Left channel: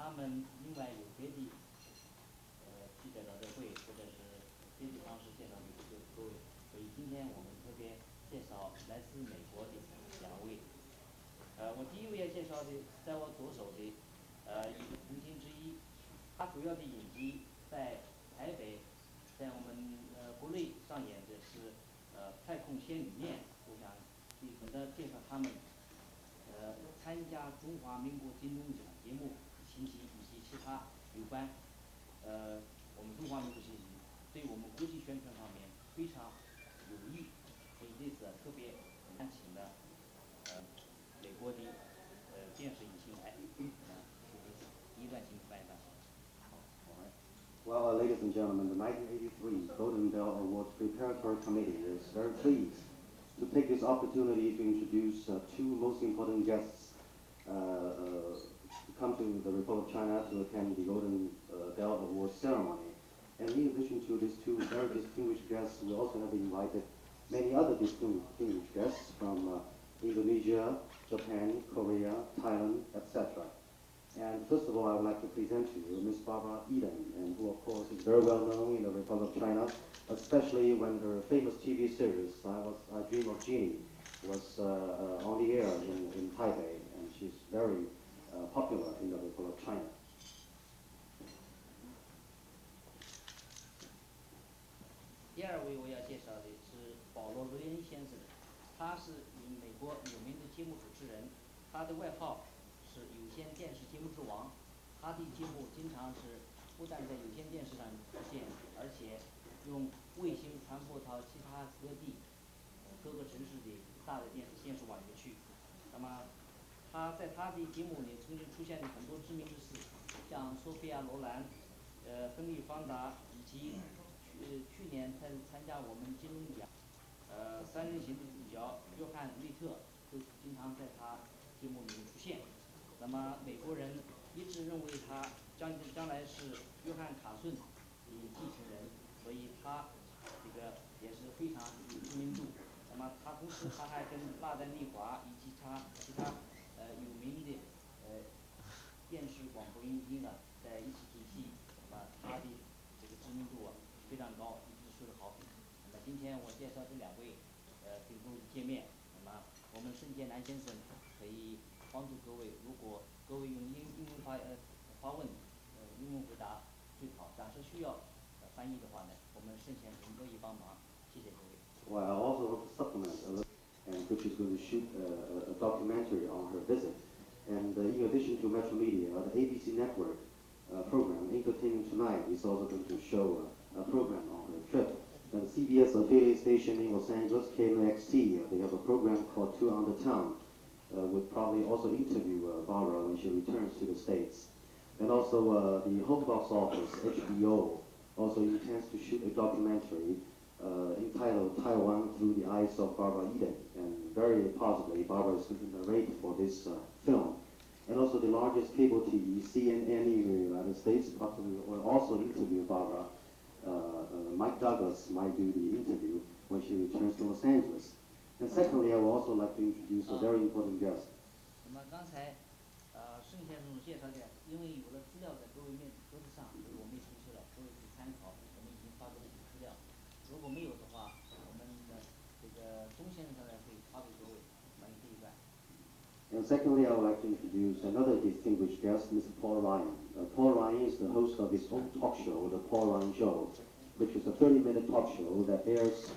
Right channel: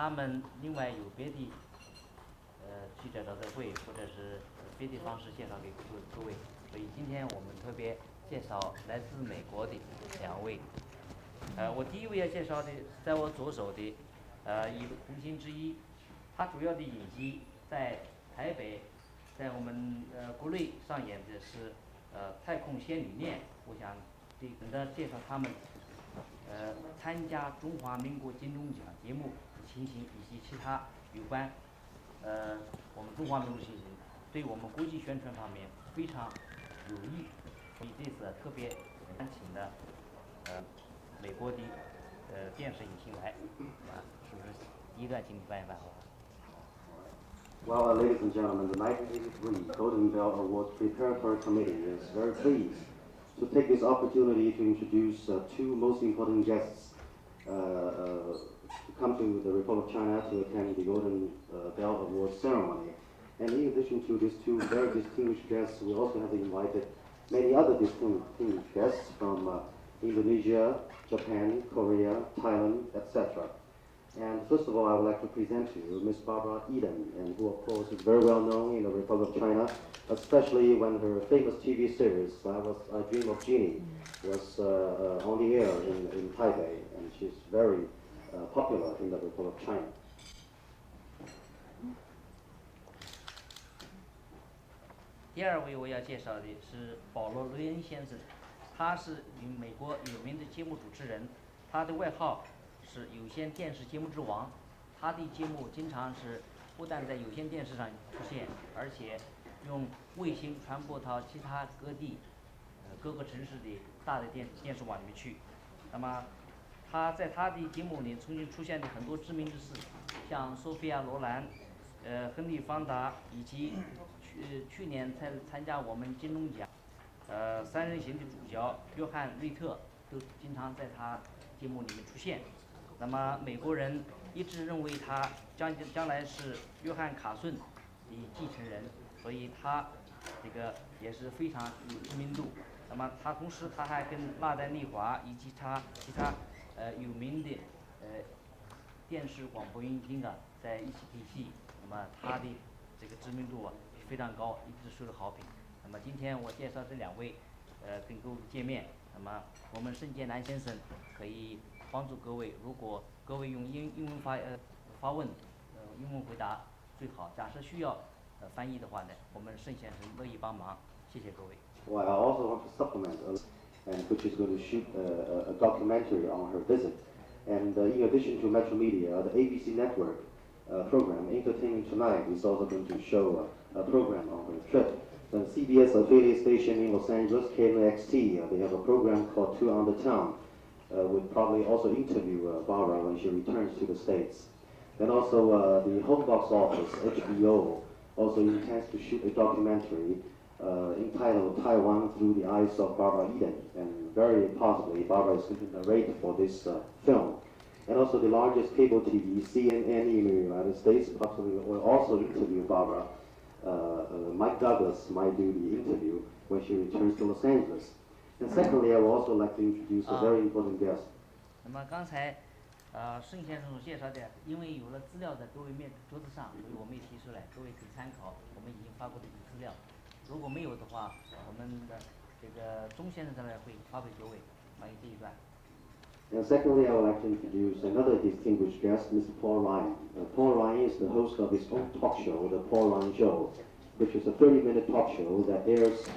他们另外有别的记者招待会或者是别的方式介绍给各位，所以今天我们特别介绍来自美国的两位。我第一位要介绍的，在我左手的一个红星之一，他主要的影集在台北，在我们国内上演的是太空仙女恋，我想等着介绍他们参加中华民国金钟奖节目情形以及其他有关我们中华民族情形，对我们国际宣传方面非常有益，所以这次特别请的美国的电视影星来就是第一段请你翻译翻好吧。Well, ladies and gentlemen, the 1983 Golden Bell Awards Preparatory Committee is very pleased to take this opportunity to introduce two most important guests to come to the Republic of China to attend the Golden Bell Awards ceremony. And in addition to these two very distinguished guests, we also have invited many other distinguished guests from Indonesia, Japan, Korea, Thailand, etc. And first of all, I would like to present to you Miss Barbara Eden, and who of course is very well known in the Republic of China, especially when her famous TV series, I Dream of Jeannie, was on the air in Taipei, and she's very popular in the Republic of China. 第二位我要介绍的是保罗·雷恩先生，他是美国有名的节目主持人，他的外号是有线电视节目之王。他的节目经常是不但在有线电视上出现，而且用卫星传播到其他各地、各个城市的大的电视网里面去。那么，他在他的节目里曾经出现的很多知名人士，像索菲亚·罗兰、亨利·方达以及去年参加我们金钟奖三人行的主角约翰·瑞特，都经常在他节目里面出现。那么美国人一直认为他将来是约翰·卡顿的继承人，所以他这个也是非常有知名度。那么他同时他还跟纳丹·利华以及其他有名的电视广播音听的在一起对戏，那么他的这个知名度非常高，一直受到好评。那么今天我介绍这两位跟各位见面，那么我们盛建南先生可以帮助各位，如果各位用英文发问，英文回答最好。假设需要翻译的话呢，我们盛先生乐意帮忙。谢谢各位。Well, I also want to supplement, and which is going to shoot a documentary on her visit. And in addition to Metro Media, the ABC network program Entertainment Tonight is also going to show a program on her trip. The CBS affiliate station in Los Angeles, KMXT, they have a program called Two on the Town. Will probably also interview Barbara when she returns to the States. And also the home box office, HBO, also intends to shoot a documentary entitled Taiwan Through the Eyes of Barbara Eden. And very possibly Barbara is going to narrate for this film. And also the largest cable TV, CNN in the United States, possibly will also interview Barbara. Mike Douglas might do the interview when she returns to Los Angeles. And secondly, I would also like to introduce a very important guest. 那么刚才盛先生所介绍的，因为有了资料在各位桌子上，所以我们也提出来，各位可以参考我们已经发布的一些资料。如果没有的话，我们的这个钟先生在那会发给各位关于这一段。And secondly, I would like to introduce another distinguished guest, Mr. Paul Ryan. Paul Ryan is the host of his own talk show, The Paul Ryan Show, which is a 30-minute talk show that airs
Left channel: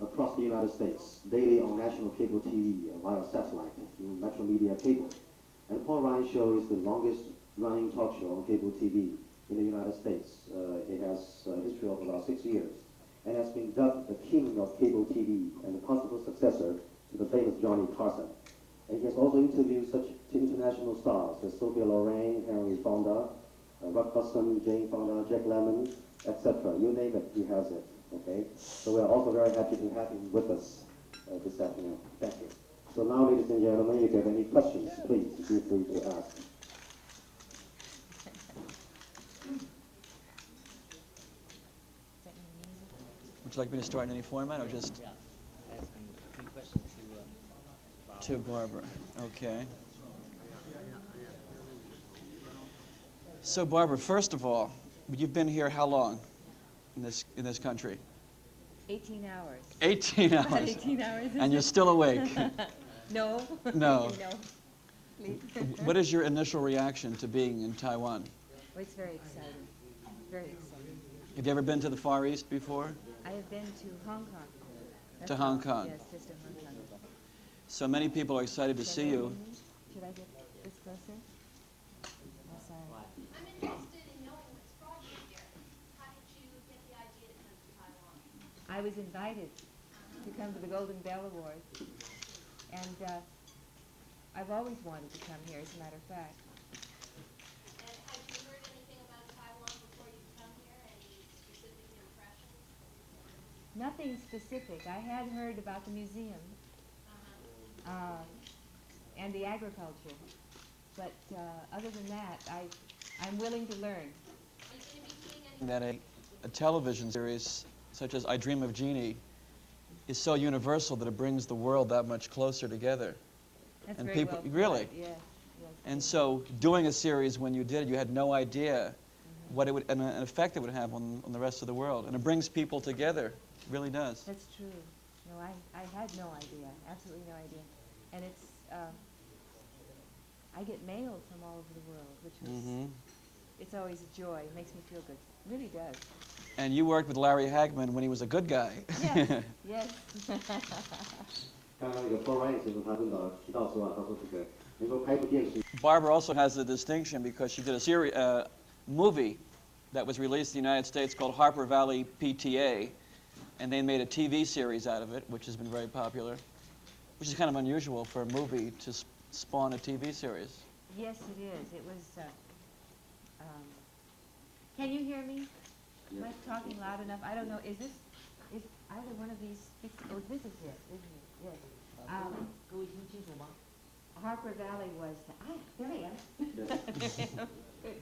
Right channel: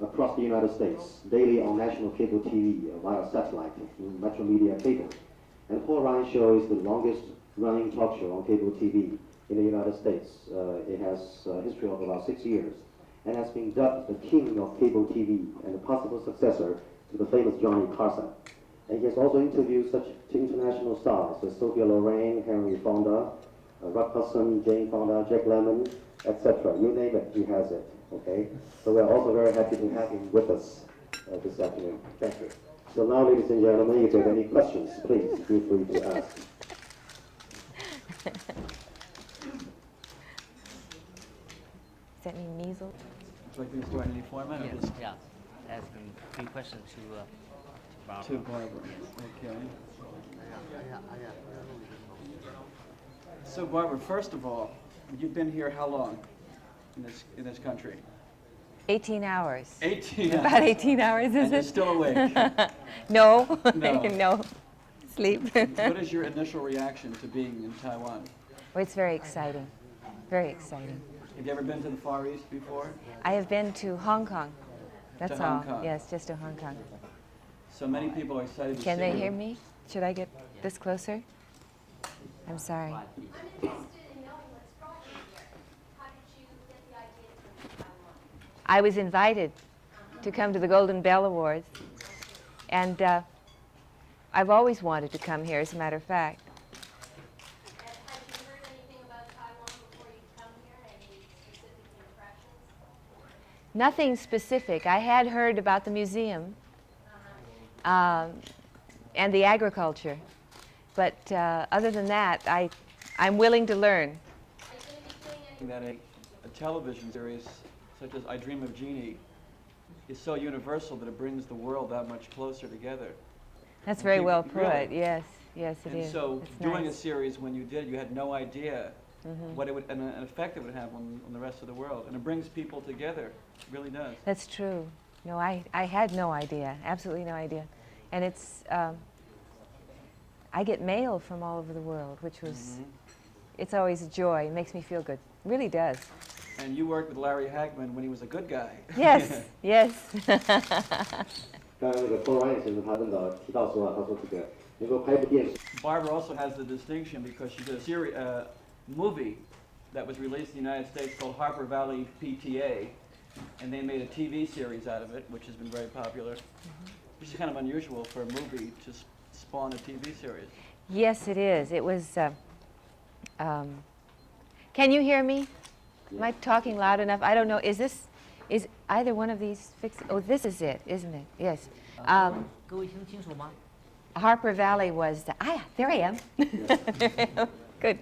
across the United States daily on national cable TV via satellite in Metro Media Cable. And Paul Ryan Show is the longest running talk show on cable TV in the United States. It has a history of about 6 years and has been dubbed the king of cable TV and the possible successor to the famous Johnny Carson. And he has also interviewed such international stars as Sophia Loren, Henry Fonda, Ruck Hudson, Jane Fonda, Jack Lemmon, etc. You name it, he has it. Okay? So we're also very happy to have him with us this afternoon. Thank you. So now, ladies and gentlemen, if you have any questions, please feel free to ask. Does that mean measles? Would you like me to start in any format or just? Yeah, asking 3 questions to Barbara. To Barbara. Okay. So Barbara, first of all, you've been here how long in this country? 18 hours. 18 hours. About 18 hours, is And you're it? still awake. No. No. No. Sleep. What is your initial reaction to being in Taiwan? Well, it's very exciting. Very exciting. Have you ever been to the Far East before? I have been to Hong Kong. That's To all. Hong Kong. Yes, just to Hong Kong. So many people are excited to Can see they you. hear me? Should I get this closer? I'm sorry. I'm interested in knowing what's brought you here. How did you get the idea to come to Taiwan? I was invited to come to the Golden Bell Awards, and I've always wanted to come here, as a matter of fact. And had you heard anything about Taiwan before you come here? Any specific impressions? Nothing specific. I had heard about the museum and the agriculture, but other than that, I'm willing to learn. Are you going to be doing any? That a television series such as I Dream of Jeannie is so universal that it brings the world that much closer together. That's And very people- well put. really? Yes, yes, it And is. so It's doing nice. a series when you did, you had no idea what it would, and an effect it would have on the rest of the world. And it brings people together. It really does. That's true. No, I had no idea, absolutely no idea. And it's, I get mail from all over the world, which was, it's always a joy. It makes me feel good. It really does. And you worked with Larry Hagman when he was a good guy. Yes, yes. 刚刚那个 Paul Ryan 先生他正导提到说啊，他说这个能够拍部电视。 Barbara also has the distinction because she did a series, movie that was released in the United States called Harper Valley PTA, and they made a TV series out of it, which has been very popular, which is kind of unusual for a movie to spawn a TV series. Yes, it is. It was, can you hear me? Am I talking loud enough? I don't know. Is either one of these fixed? Oh, this is it, isn't it? Yes. 各位听清楚吗？ Harper Valley was, there I am. Good.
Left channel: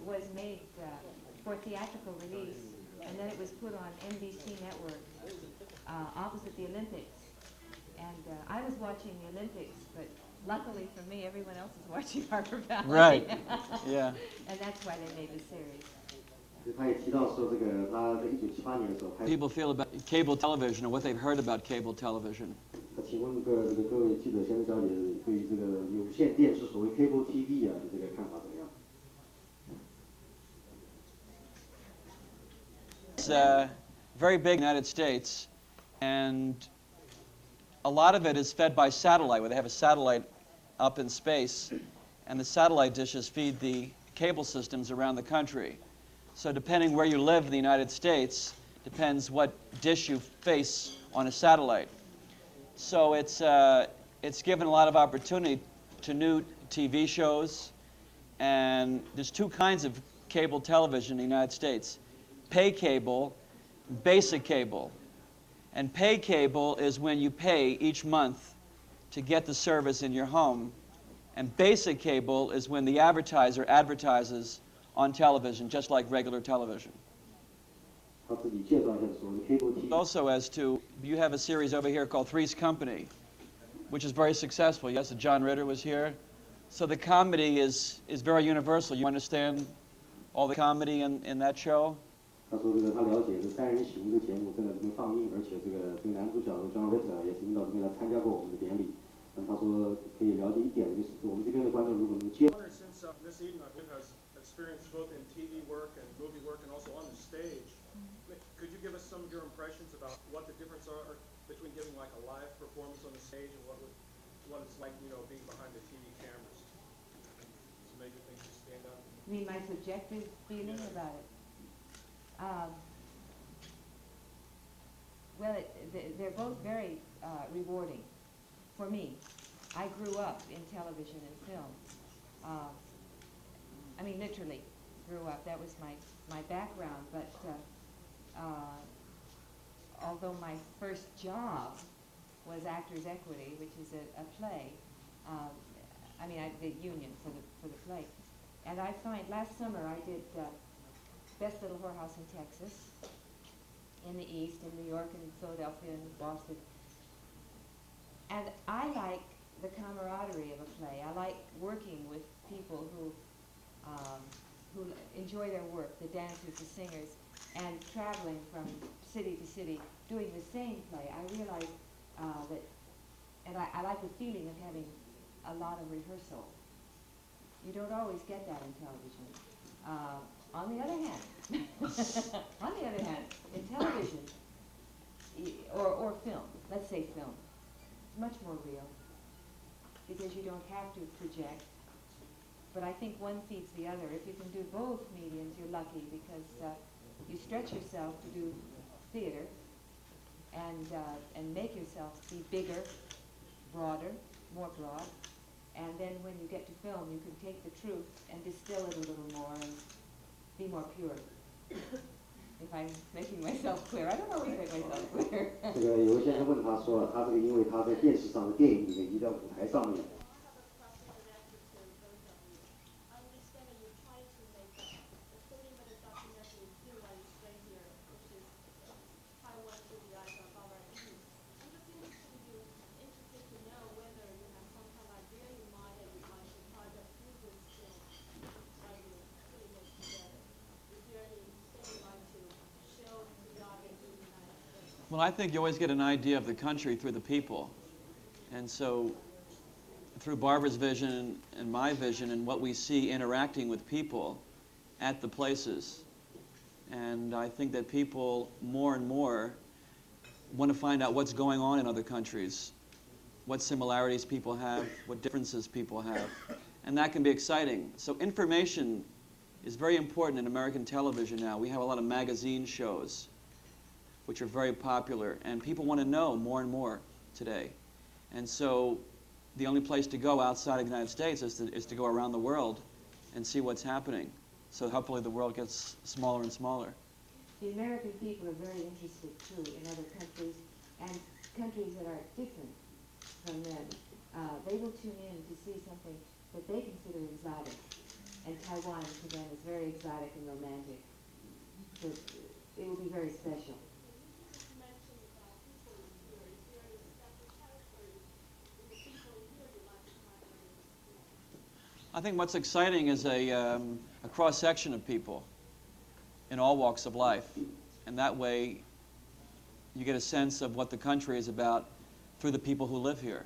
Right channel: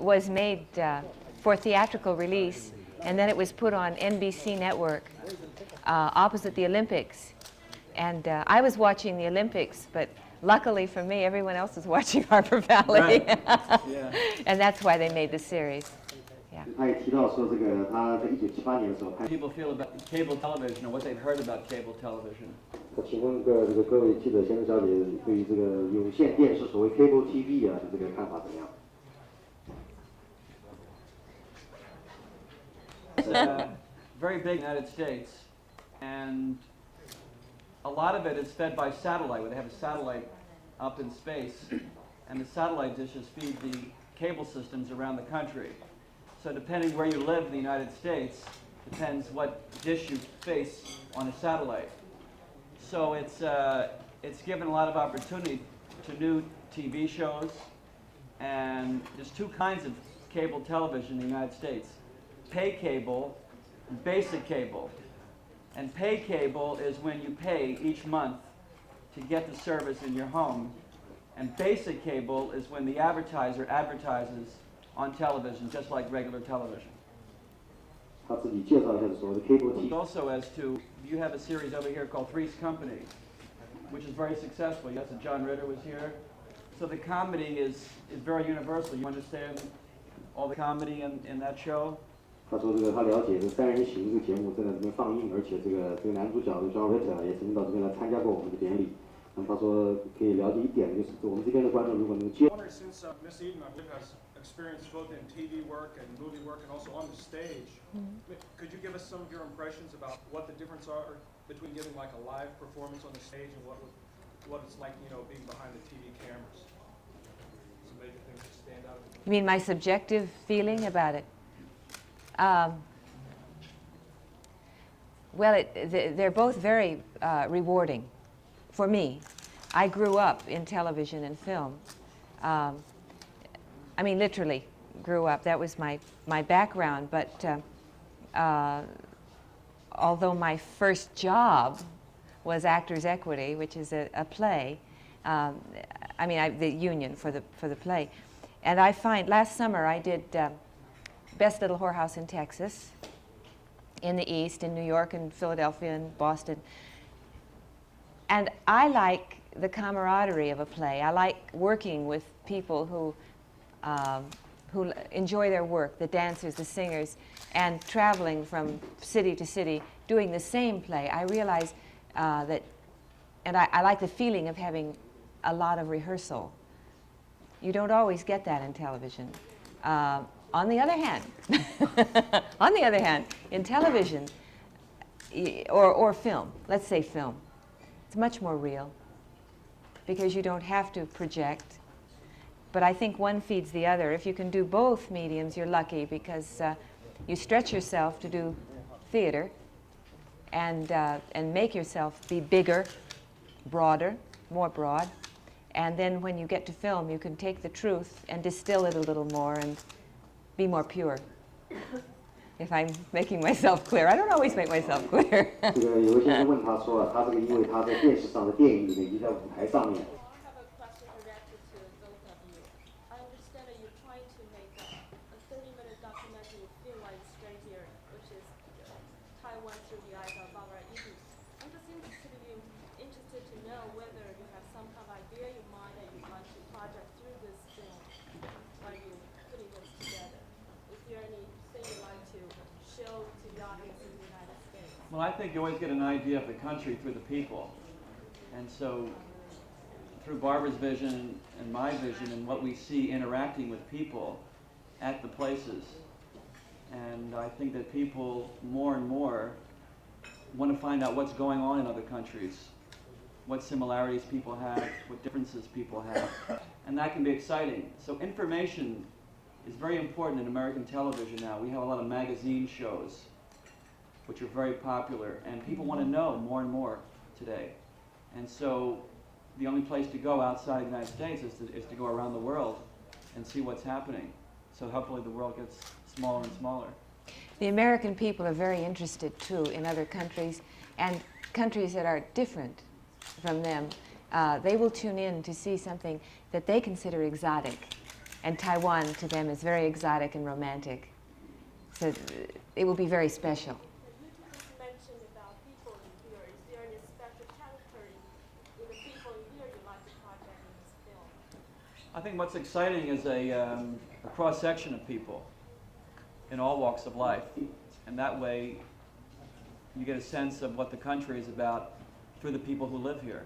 Was made for theatrical release, and then it was put on NBC network opposite the Olympics. And I was watching the Olympics, but luckily for me, everyone else was watching Harper Valley. Right. Yeah. And that's why they made the series. 他也提到说，这个他在1978年的时候拍。 People feel about cable television and what they've heard about cable television. 请问各位记者先生小姐对于这个有线电视所谓 cable TV 啊的这个看法怎么样？ It's very big in the United States, and a lot of it is fed by satellite, where they have a satellite up in space, and the satellite dishes feed the cable systems around the country. So depending where you live in the United States, depends what dish you face on a satellite. So it's given a lot of opportunity to new TV shows, and there's two kinds of cable television in the United States: pay cable, and basic cable. And pay cable is when you pay each month to get the service in your home, and basic cable is when the advertiser advertises on television, just like regular television. 他自己介绍一下所谓的 cable TV。 Also, as to, you have a series over here called Three's Company, which is very successful. Yes, John Ritter was here. So the comedy is very universal. You understand all the comedy in that show? 他说这个他了解这三人行这个节目正在这边放映，而且这个男主角 John Ritter 也曾经到这边来参加过我们的典礼。那么他说可以了解一点，就是我们这边的观众如果能接。 Since Miss Eden, I believe, has experience both in TV work and movie work and also on the stage, could you give us some of your impressions about what the difference are between giving like a live performance on the stage and what it's like, you know, being behind the TV cameras? Some major things that stand out. You mean my subjective feeling about it? Well, they're both very rewarding for me. I grew up in television and film. I mean, literally grew up. That was my background. But although my first job was Actors' Equity, which is a play, I mean, the union for the play. And I find, last summer I did Best Little Whorehouse in Texas, in the East, in New York and Philadelphia and Boston. And I like the camaraderie of a play. I like working with people who who enjoy their work, the dancers, the singers, and traveling from city to city, doing the same play, I realize that, and I like the feeling of having a lot of rehearsal. You don't always get that in television. On the other hand, in television or film, let's say film, it's much more real because you don't have to project. But I think one feeds the other. If you can do both mediums, you're lucky because you stretch yourself to do theater and make yourself be bigger, broader, more broad. And then when you get to film, you can take the truth and distill it a little more and be more pure. If I'm making myself clear. I don't always make myself clear. 这个有个先生问他说，他这个因为他在电视上的电影里面，以及在舞台上面， I have a question directed to both of you. I understand that you're trying to make a 30-minute documentary feel like straight here, which is Taiwan through the eyes of our youth. I'm just interested to know whether you have some kind of idea in mind that you'd like to project through this film while you're putting this together. Is there anything you'd like to show to the audience in the United States? Well, I think you always get an idea of the country through the people. And so through Barbara's vision and my vision and what we see interacting with people at the places. And I think that people more and more want to find out what's going on in other countries, what similarities people have, what differences people have. And that can be exciting. So information is very important in American television now. We have a lot of magazine shows which are very popular, and people want to know more and more today. And so the only place to go outside of the United States is to go around the world and see what's happening. So hopefully the world gets smaller and smaller. The American people are very interested, too, in other countries, and countries that are different from them. They will tune in to see something that they consider exotic, and Taiwan to them is very exotic and romantic. So it will be very special. You just mentioned about people in here. Is there any special character in the people in here you'd like to project in this film? I think what's exciting is a cross-section of people in all walks of life. And that way you get a sense of what the country is about through the people who live here.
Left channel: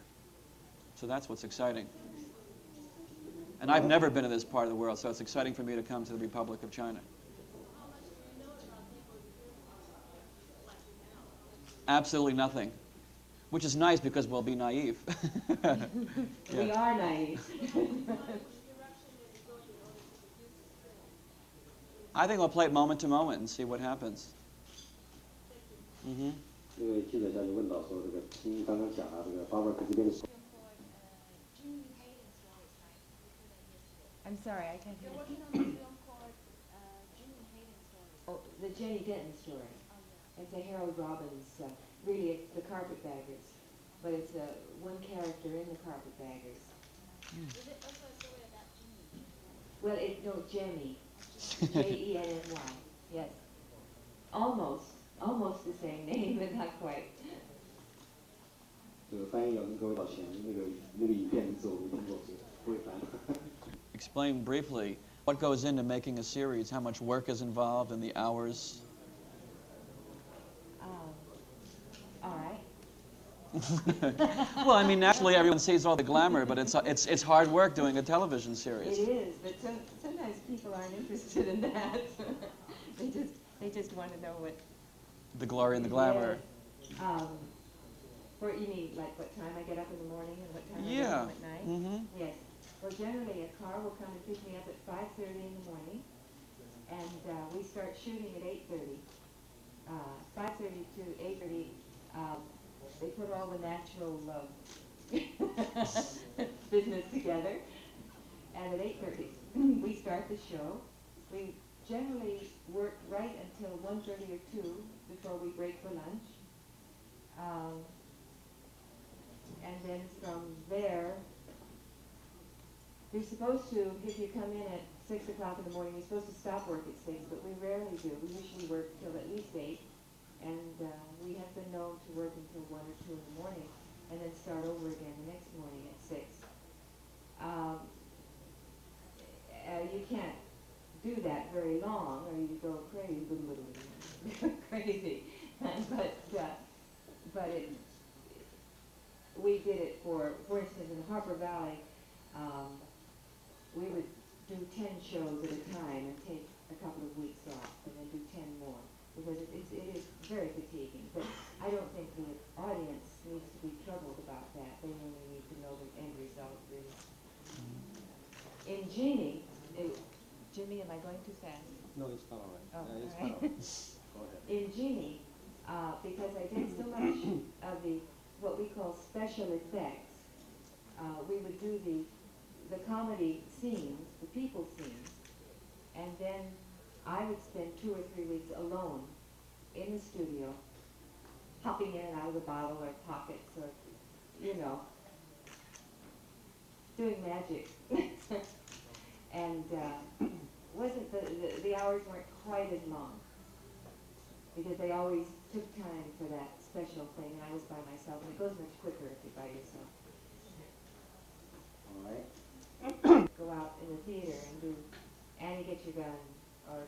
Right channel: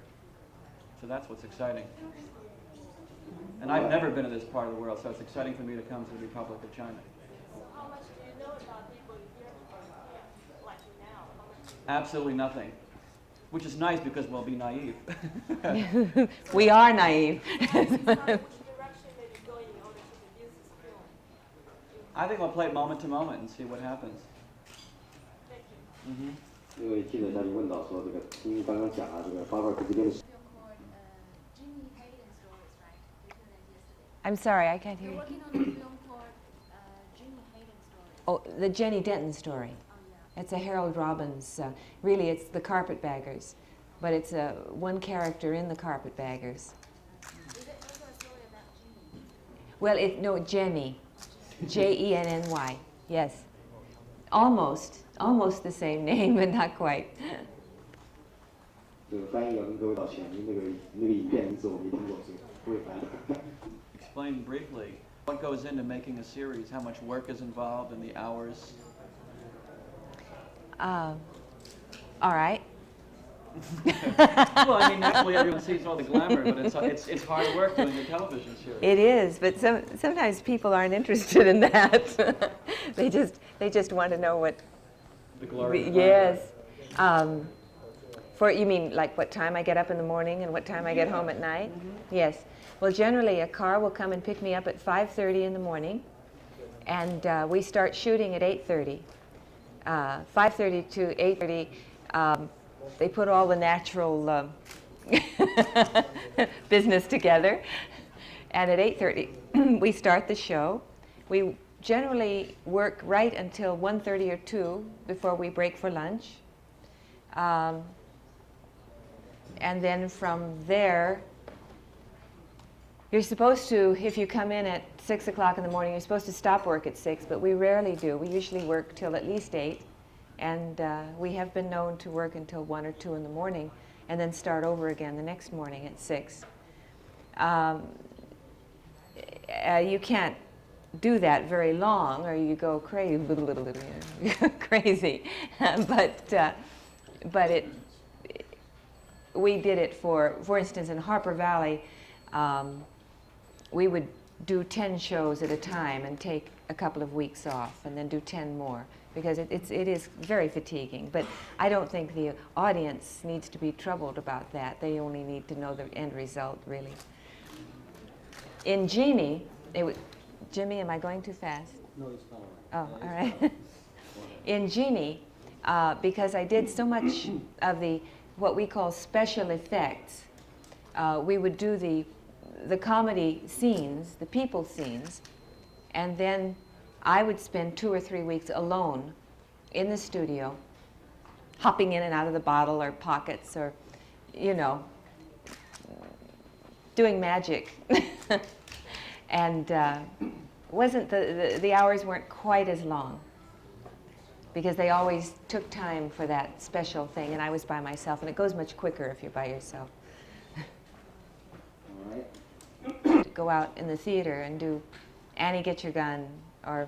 So that's what's exciting. And I've never been to this part of the world, so it's exciting for me to come to the Republic of China. So how much do you know about people in here, like now? How much do you know? Absolutely nothing. Which is nice because we'll be naive. We are naive. Which direction may be going in order to produce this film? I think we'll play it moment to moment and see what happens. Thank you. 那位记者下面问到说，这个听刚刚讲啊，这个巴尔克这边的。 I'm sorry, I can't hear you. Working on a film called Jimmy Hayden story. Oh, the Jenny Denton story. It's a Harold Robbins. Really, it's the Carpetbaggers, but it's one character in the Carpetbaggers. Is it also a story about Jimmy? Well, no, Jenny, Jenny. Yes, almost the same name, but not quite. 这个翻译要跟各位道歉，因为那个影片名字我没听过，所以不会翻译。 Explain briefly what goes into making a series, how much work is involved, and the hours. All right. Well, I mean, naturally everyone sees all the glamour, but it's hard work doing a television series. It is, but sometimes people aren't interested in that. they just want to know what. The glory and glamour. Yes. You mean like what time I get up in the morning and what time I get home at night? Mm-hmm. Yes. Well, generally a car will come and pick me up at 5:30 in the morning, and we start shooting at 8:30. 5:30 to 8:30, they put all the natural business together, and at 8:30 we start the show. We generally work right until 1:30 or 2 before we break for lunch. And then from there, you're supposed to, if you come in at 6 o'clock in the morning, you're supposed to stop work at 6, but we rarely do. We usually work till at least 8, and we have been known to work until 1 or 2 in the morning, and then start over again the next morning at 6. you can't do that very long, or you go crazy, crazy. But we did it for instance, in Harper Valley, we would do 10 shows at a time and take a couple of weeks off, and then do 10 more, because it is very fatiguing. But I don't think the audience needs to be troubled about that. They only need to know the end result, really. In Genie, Jimmy, am I going too fast? No, it's not all right. Oh, all right. In Genie, because I did so much of what we call special effects, we would do the comedy scenes, the people scenes, and then I would spend 2 or 3 weeks alone in the studio, hopping in and out of the bottle or pockets, or, doing magic. And the hours weren't quite as long, because they always took time for that special thing, and I was by myself, and it goes much quicker if you're by yourself. All right. Go out in the theater and do Annie Get Your Gun, or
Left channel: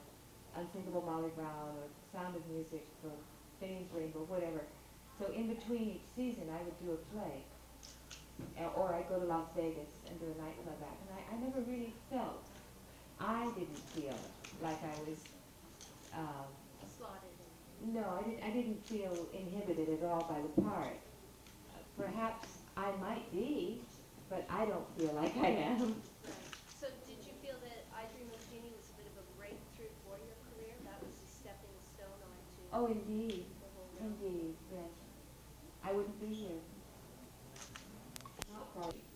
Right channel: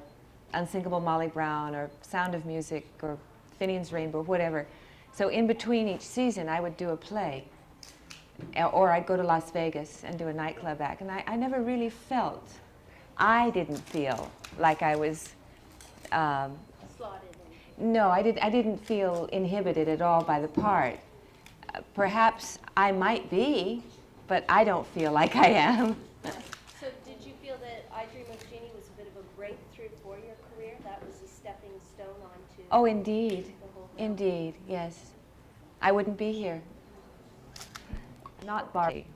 Unsinkable Molly Brown, or Sound of Music, or Finian's Rainbow, whatever. So in between each season, I would do a play, or I'd go to Las Vegas and do a nightclub act. And I never really I didn't feel like I was, Slotted no, I didn't feel inhibited at all by the part. Perhaps I might be, but I don't feel like I am. So did you feel that I Dream of Jeannie was a bit of a breakthrough for your career? That was a stepping stone onto Oh, indeed. the whole realm? Indeed, yes. I wouldn't be here. Not Barbie.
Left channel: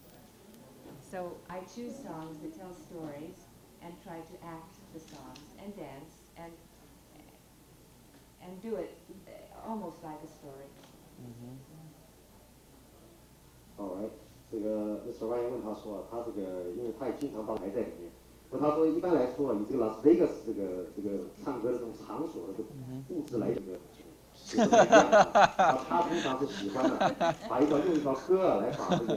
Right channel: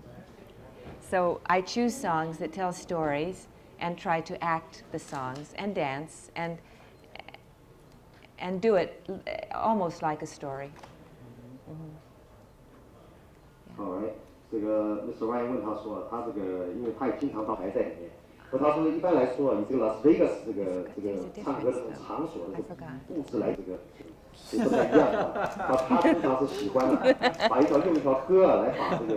So I choose songs that tell stories and try to act the songs and dance and do it almost like a story. All right. 这个 Mr. Ryan 问他说，他这个因为他也经常当台在里面，那他说一般来说，以这个 Las Vegas 这个唱歌的这种场所的这个布置来这个是不太一样的。他通常是喜欢用一条歌来把这个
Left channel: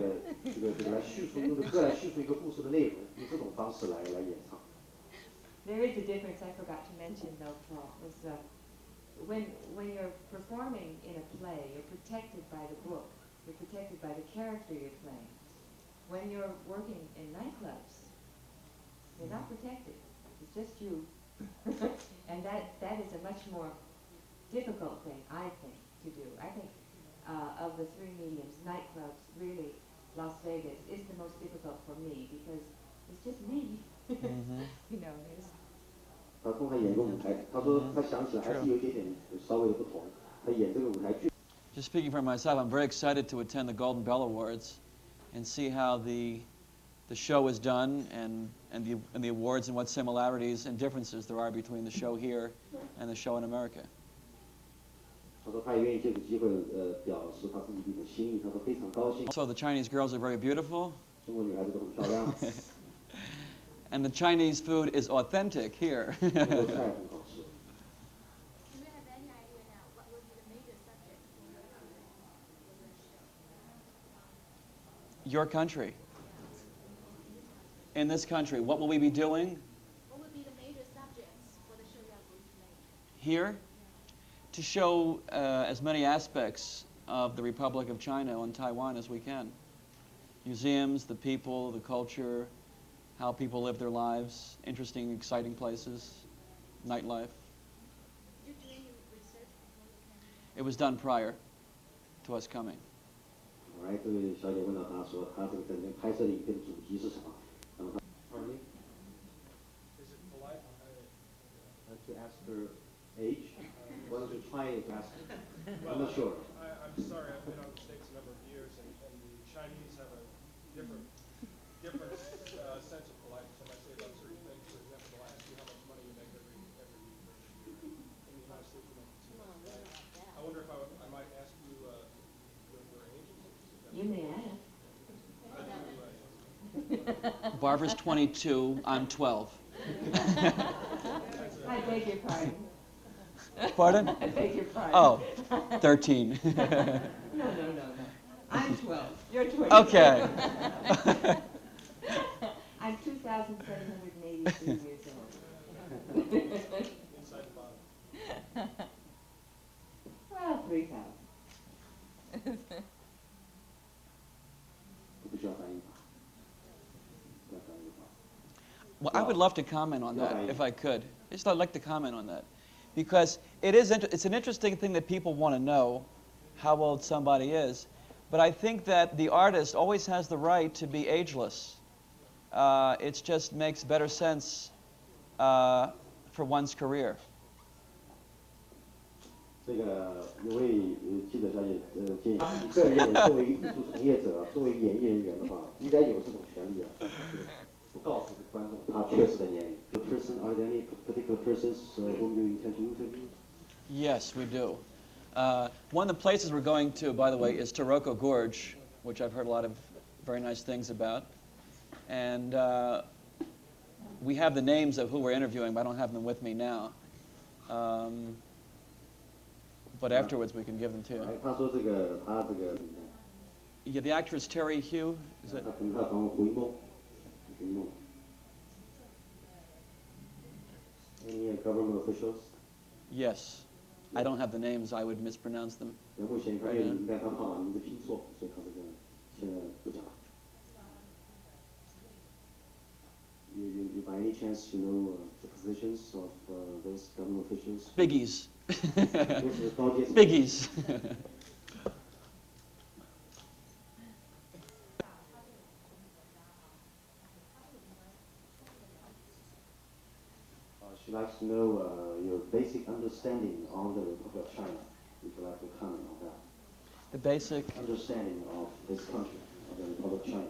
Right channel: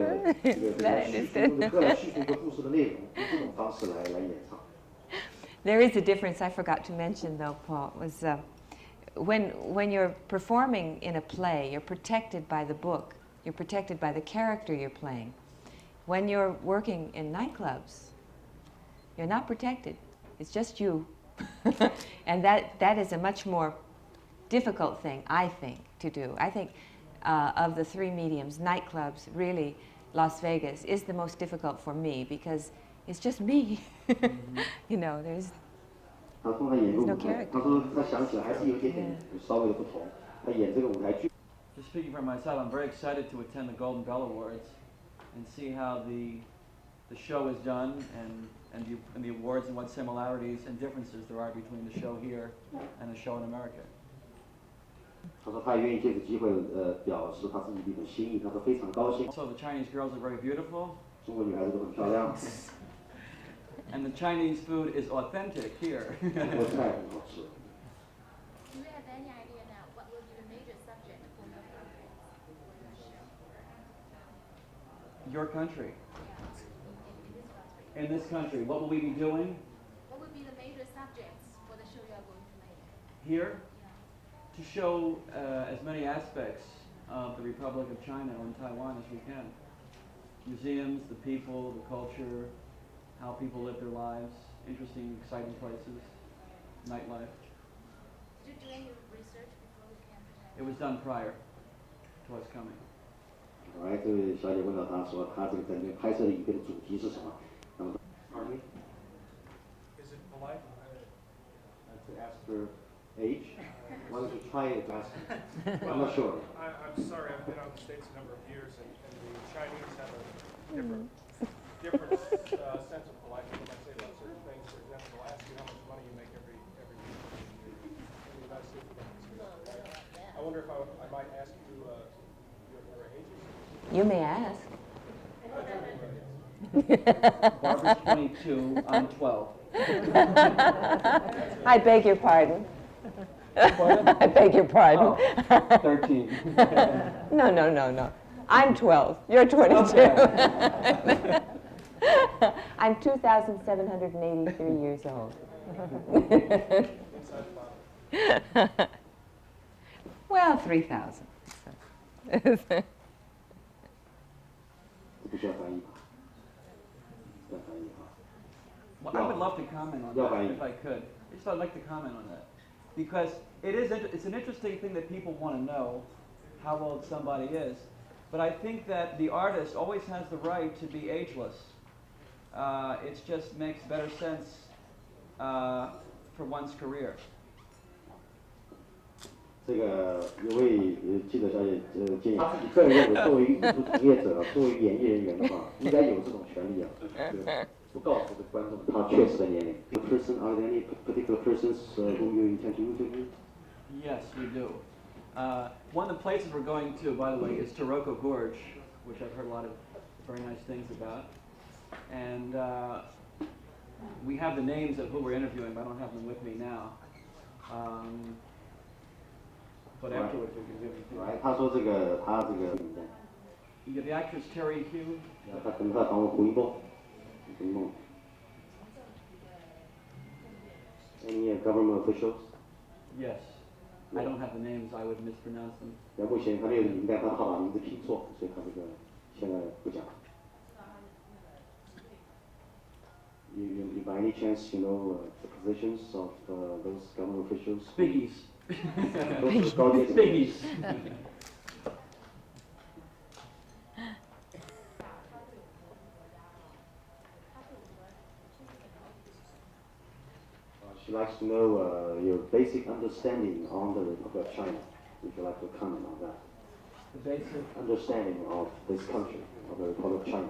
歌来叙述一个故事的内容，用这种方式来演唱。There is a difference I forgot to mention, though, Paul, was when you're performing in a play, you're protected by the book. You're protected by the character you're playing. When you're working in nightclubs, you're not protected. It's just you. And that is a much more difficult thing, I think, to do. I think of the 3 mediums, nightclubs, really, Las Vegas, is the most difficult for me, because it's just me. There's 他通常演一个舞台，他说他想起来还是有点稍微的不同。他演这个舞台剧。 Just speaking for myself, I'm very excited to attend the Golden Bell Awards and see how the show is done, and the awards, and what similarities and differences there are between the show here and the show in America. 他说他也愿意借这个机会表示他自己的一种心意，他说非常高兴。 So the Chinese girls are very beautiful. 中国女孩子都很漂亮。 And the Chinese food is authentic here. 中国菜很好吃。 Do you have any idea now what will be the major subject for your country for the show? Your country. In this country. In this country, what will we be doing What will be the major subjects for the show you are going to make? here? Yeah. To show as many aspects of the Republic of China and Taiwan as we can. Museums, the people, the culture, how people live their lives, interesting, exciting places, nightlife. Did you do any research before you came to Taiwan? It was done prior to us coming. 来，这位小姐问到他说，他这个在这个拍摄的影片的主题是什么？那么他 Pardon me? Is it polite? To ask her age? Why don't you try it to ask her? I'm not sure. I'm sorry, I've been out of the States a number of years, and the Chinese have a different sense of politeness when I say about certain things. For example, they'll ask you how much money you make every year. In the United States, we don't see that polite. I wonder if I might ask you your ages. You may ask. Barbara's 22, I'm 12. I beg your pardon. Pardon? I beg your pardon. Oh, 13. No. I'm 12. You're 22. Okay. I'm 2,783 years old. Well, 3,000. 不需要翻译吧？不要翻译哈。 Well, I would love to comment on Yeah, that right. if I could. I'd like to comment on that because it's an interesting thing that people want to know how old somebody is, but I think that the artist always has the right to be ageless. It just makes better sense for one's career. 这个有位记者小姐建议，个人认为作为艺术从业者啊，作为演艺人员的话，应该有这种权利啊，就是不告诉观众他确实的年龄。Person, are there any particular persons whom you intend to interview? Yes, we do. One of the places we're going to, by the way, is Taroko Gorge, which I've heard a lot of very nice things about. And we have the names of who we're interviewing, but I don't have them with me now. But afterwards we can give them to you. 他说他这个 Yeah, the actress Terry Hugh. Is it? 他可能他访问胡一梦，胡一梦。Any government officials? Yes. I don't have the names. I would mispronounce them. 目前他没有名单，他怕把名字拼错，所以他这个现在不讲。You by any chance you know the positions of those government officials? Biggies. 都是高阶层。Biggies. She likes to know your basic understanding on the Republic of China. Would you like to comment on that? The basic. Understanding of this country, of the Republic of China.